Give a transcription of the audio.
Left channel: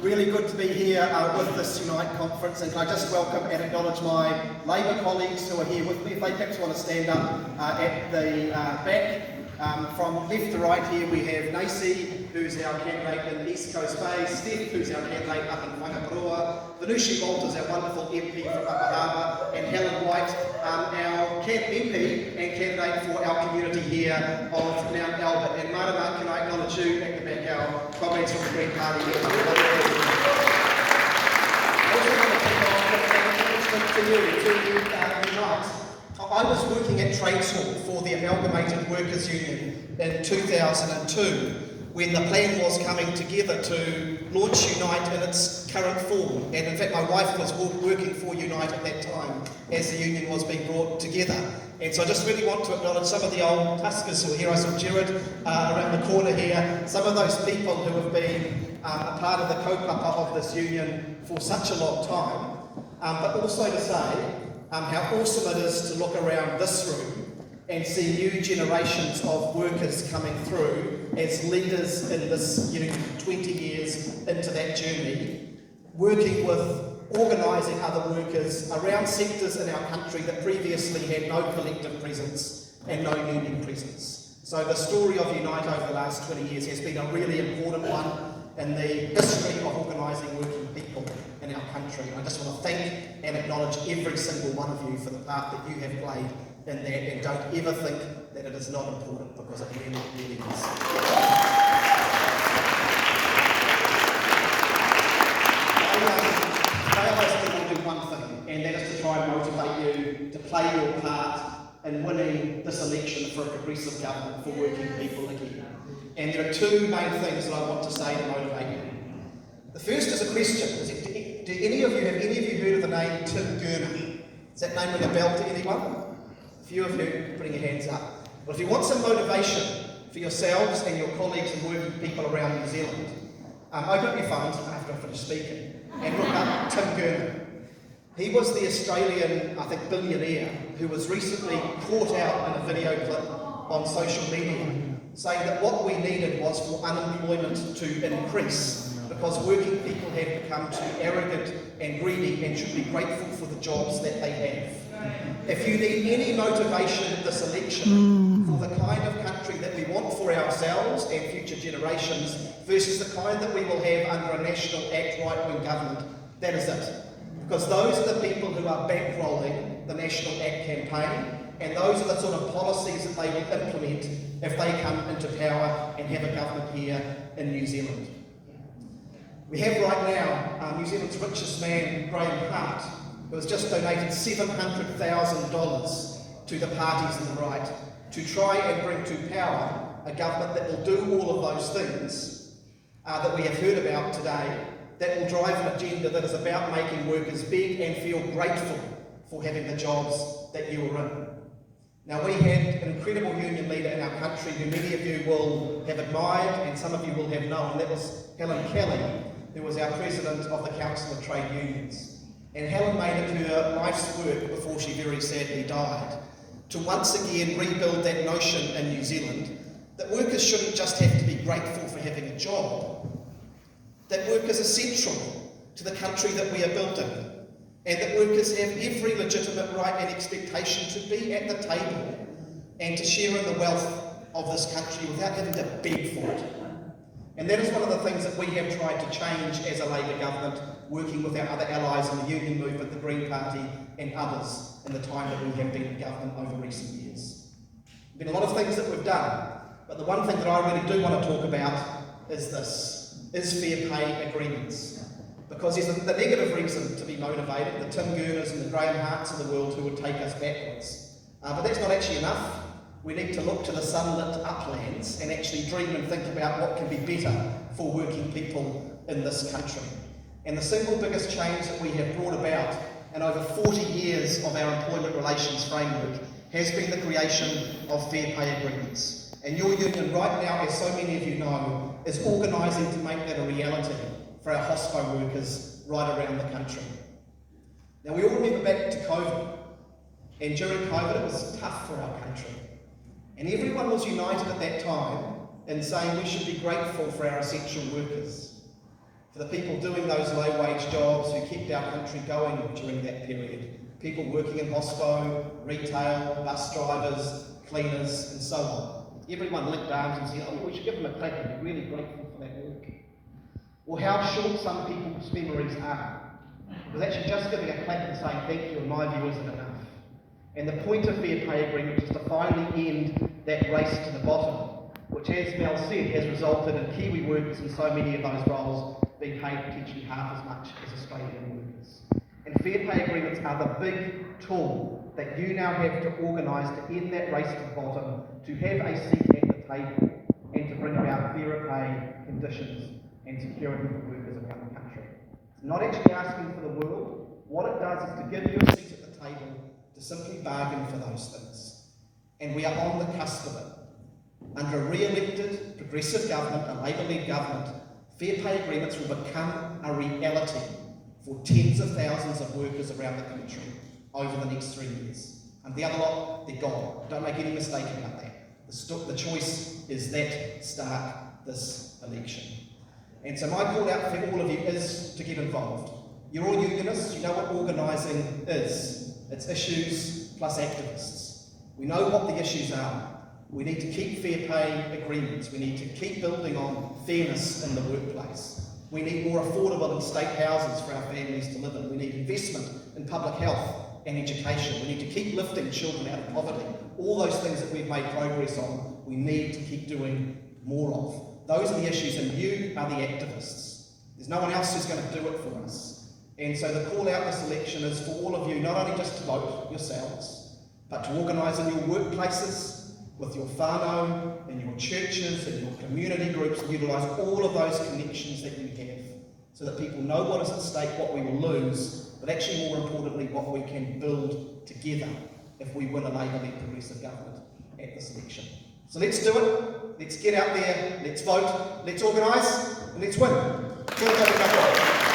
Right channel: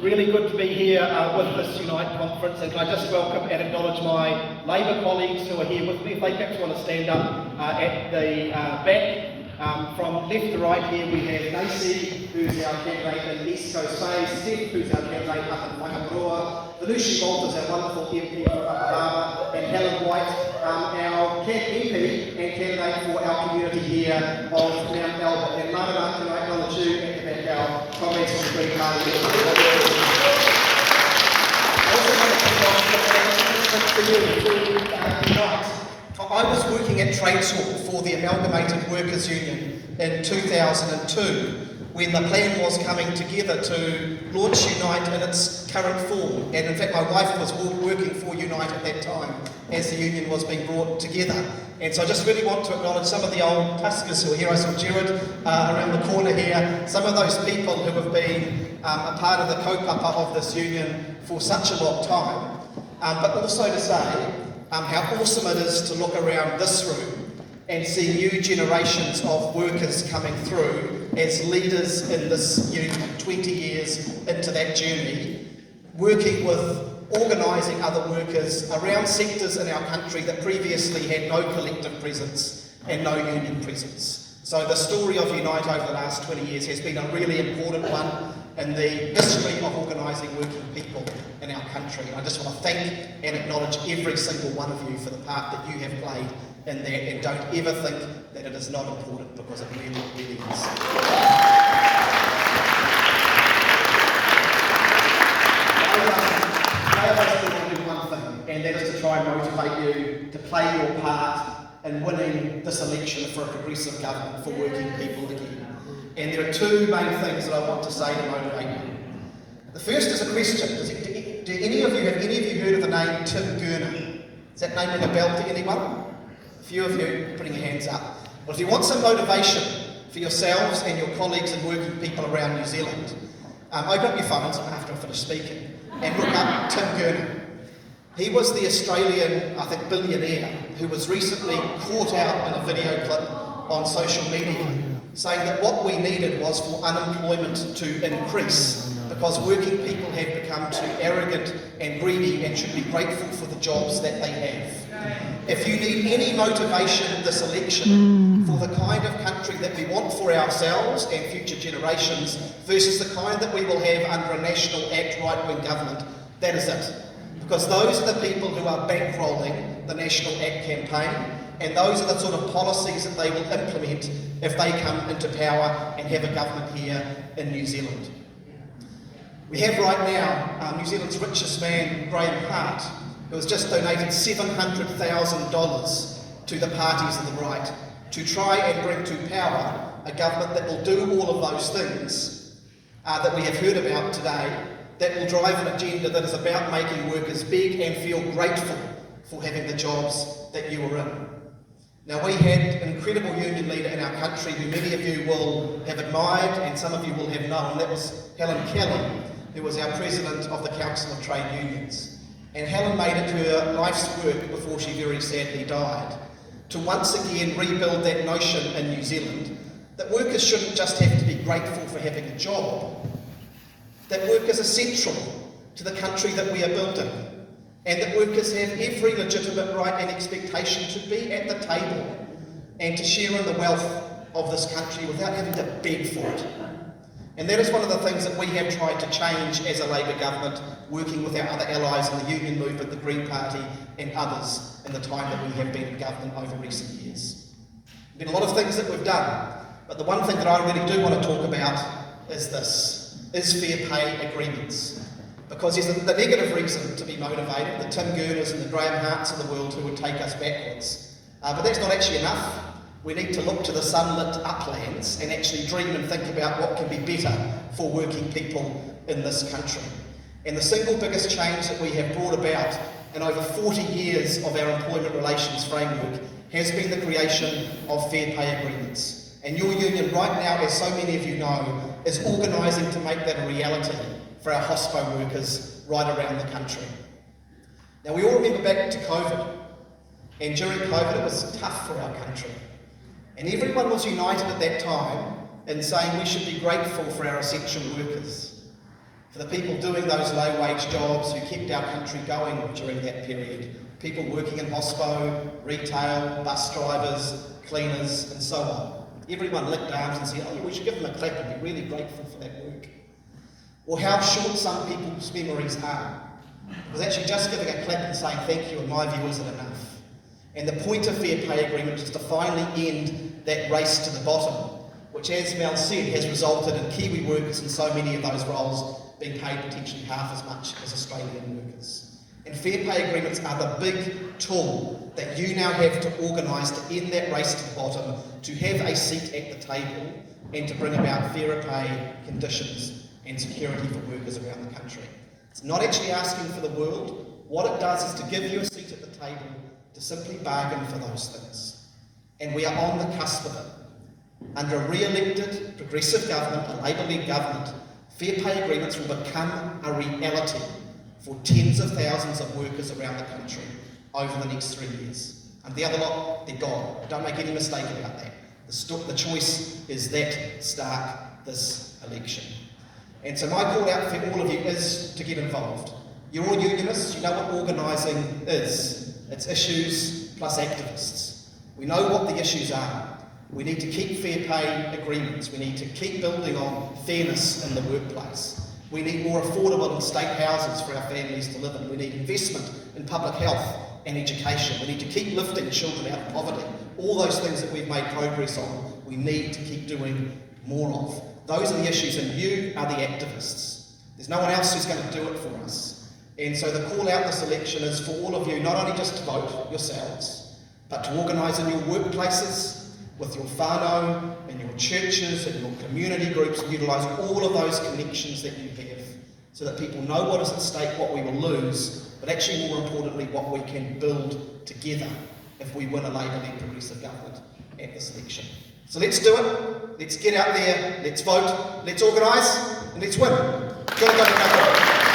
Really good to be here with this Unite conference, and can I just welcome and acknowledge my Labour colleagues who are here with me. If they perhaps want to stand up at the back. From left to right here we have Nacy, who's our candidate in East Coast Bay, Steph, who's our candidate up in Whangaparoa, Venushi Walters, our wonderful MP from Upper Harbour, and Helen White, our MP and candidate for our community here of Mount Albert. And Marama, can I acknowledge you at the back, our comrades from the Green Party. Also want to kick off for you tonight. I was working at Trades Hall for the Amalgamated Workers Union in 2002 when the plan was coming together to launch Unite in its current form. And in fact, my wife was working for Unite at that time as the union was being brought together. And so I just really want to acknowledge some of the old Tuskers who are here. I saw Jared around the corner here. Some of those people who have been a part of the kaupapa of this union for such a long time. But also to say, how awesome it is to look around this room and see new generations of workers coming through as leaders in this union 20 years into that journey, working with organising other workers around sectors in our country that previously had no collective presence and no union presence. So the story of Unite over the last 20 years has been a really important one in the history of organising working people in our country. I just want to thank and acknowledge every single one of you for the part that you have played in that, and don't ever think that it is not important, because it really, really is. Today I basically want to do one thing, and that is to try and motivate you to play your part in winning this election for a progressive government for working people again. And there are two main things that I want to say to motivate you. The first is a question. Have any of you heard of the name Tim Gurner? Is that name ring a bell to anyone? A few of you putting your hands up. Well, if you want some motivation for yourselves and your colleagues and working people around New Zealand, open up your phones after I finish speaking and look up Tim Gurner. He was the Australian, I think, billionaire who was recently caught out in a video clip on social media saying that what we needed was for unemployment to increase because working people had become too arrogant and greedy and should be grateful for the jobs that they have. If you need any motivation this election for the kind of country that we want for ourselves and future generations versus the kind that we will have under a National Act right-wing government, that is it. Because those are the people who are bankrolling the National Act campaign, and those are the sort of policies that they will implement if they come into power and have a government here in New Zealand. We have right now New Zealand's richest man, Graham Hart, who has just donated $700,000 to the parties on the right to try and bring to power a government that will do all of those things that we have heard about today, that will drive an agenda that is about making workers beg and feel grateful for having the jobs that you are in. Now, we had an incredible union leader in our country who many of you will have admired and some of you will have known. That was Helen Kelly, who was our president of the Council of Trade Unions. And Helen made it her life's work before she very sadly died to once again rebuild that notion in New Zealand that workers shouldn't just have to be grateful for having a job, that workers are central to the country that we are building, and that workers have every legitimate right and expectation to be at the table and to share in the wealth of this country without having to beg for it. And that is one of the things that we have tried to change as a Labour government, working with our other allies in the union movement, the Green Party and others in the time that we have been in government over recent years. There have been a lot of things that we've done, but the one thing that I really do want to talk about is this, is fair pay agreements. Because there's the negative reason to be motivated, the Tim Gurners and the Graham Harts of the world who would take us backwards. But that's not actually enough. We need to look to the sunlit uplands and actually dream and think about what can be better for working people in this country. And the single biggest change that we have brought about in over 40 years of our employment relations framework has been the creation of fair pay agreements. And your union right now, as so many of you know, is organising to make that a reality for our hospo workers right around the country. Now, we all remember back to COVID, and during COVID it was tough for our country. And everyone was united at that time in saying we should be grateful for our essential workers, for the people doing those low-wage jobs who kept our country going during that period, people working in hospo, retail, bus drivers, cleaners, and so on. Everyone linked arms and said, oh yeah, we should give them a clap and be really grateful for that work. Or how short some people's memories are. Because actually just giving a clap and saying thank you, in my view, isn't enough. And the point of fair pay agreement is to finally end that race to the bottom, which, as Mel said, has resulted in Kiwi workers in so many of those roles being paid potentially half as much as Australian workers. And fair pay agreements are the big tool that you now have to organise to end that race to the bottom, to have a seat at the table, and to bring about fairer pay conditions and security for workers around the country. It's not actually asking for the world. What it does is to give you a seat at the table to simply bargain for those things. And we are on the cusp of it. Under a re-elected, progressive government, a Labour-led government, fair pay agreements will become a reality for tens of thousands of workers around the country over the next 3 years. And the other lot, they're gone. Don't make any mistake about that. The choice is that stark this election. And so my call out for all of you is to get involved. You're all unionists, you know what organising is. It's issues plus activists. We know what the issues are. We need to keep fair pay agreements. We need to keep building on fairness in the workplace. We need more affordable and state houses for our families to live in. We need investment in public health and education. We need to keep lifting children out of poverty. All those things that we've made progress on, we need to keep doing more of. Those are the issues, and you are the activists. There's no one else who's going to do it for us. And so the call out this election is for all of you, not only just to vote yourselves, but to organise in your workplaces, with your whānau and your churches and your community groups, and utilise all of those connections that you have, so that people know what is at stake, what we will lose, but actually more importantly, what we can build together if we win a Labour-led progressive government at this election. So let's do it, let's get out there, let's vote, let's organise, and let's win. Kia ora koutou.